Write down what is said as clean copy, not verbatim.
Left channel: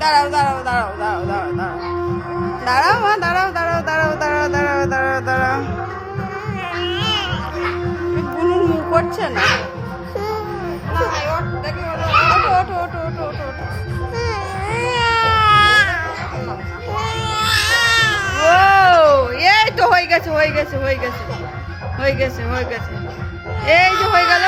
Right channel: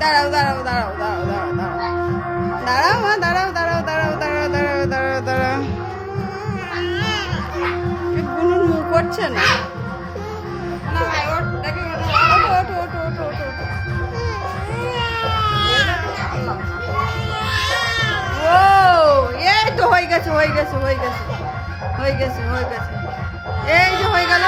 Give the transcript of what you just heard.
দাঁড়াও দাঁড়াও দাঁড়াও দাঁড়াও দাঁড়াও দাঁড়াও দাঁড়াও মা দাঁড়াও দাঁড়াও দাঁড়াও দাঁড়াও দাঁড়াও দাঁড়াও দাঁড়াও বুনুর মুখ করছে না ওঠো ওঠো ওঠো ওঠো ওঠো ওঠো ও এই তো হয়ে গেছে হয়ে গেছে হয়ে গেছে হয়ে গেছে হয়ে গেছে এই যে হয়ে গেল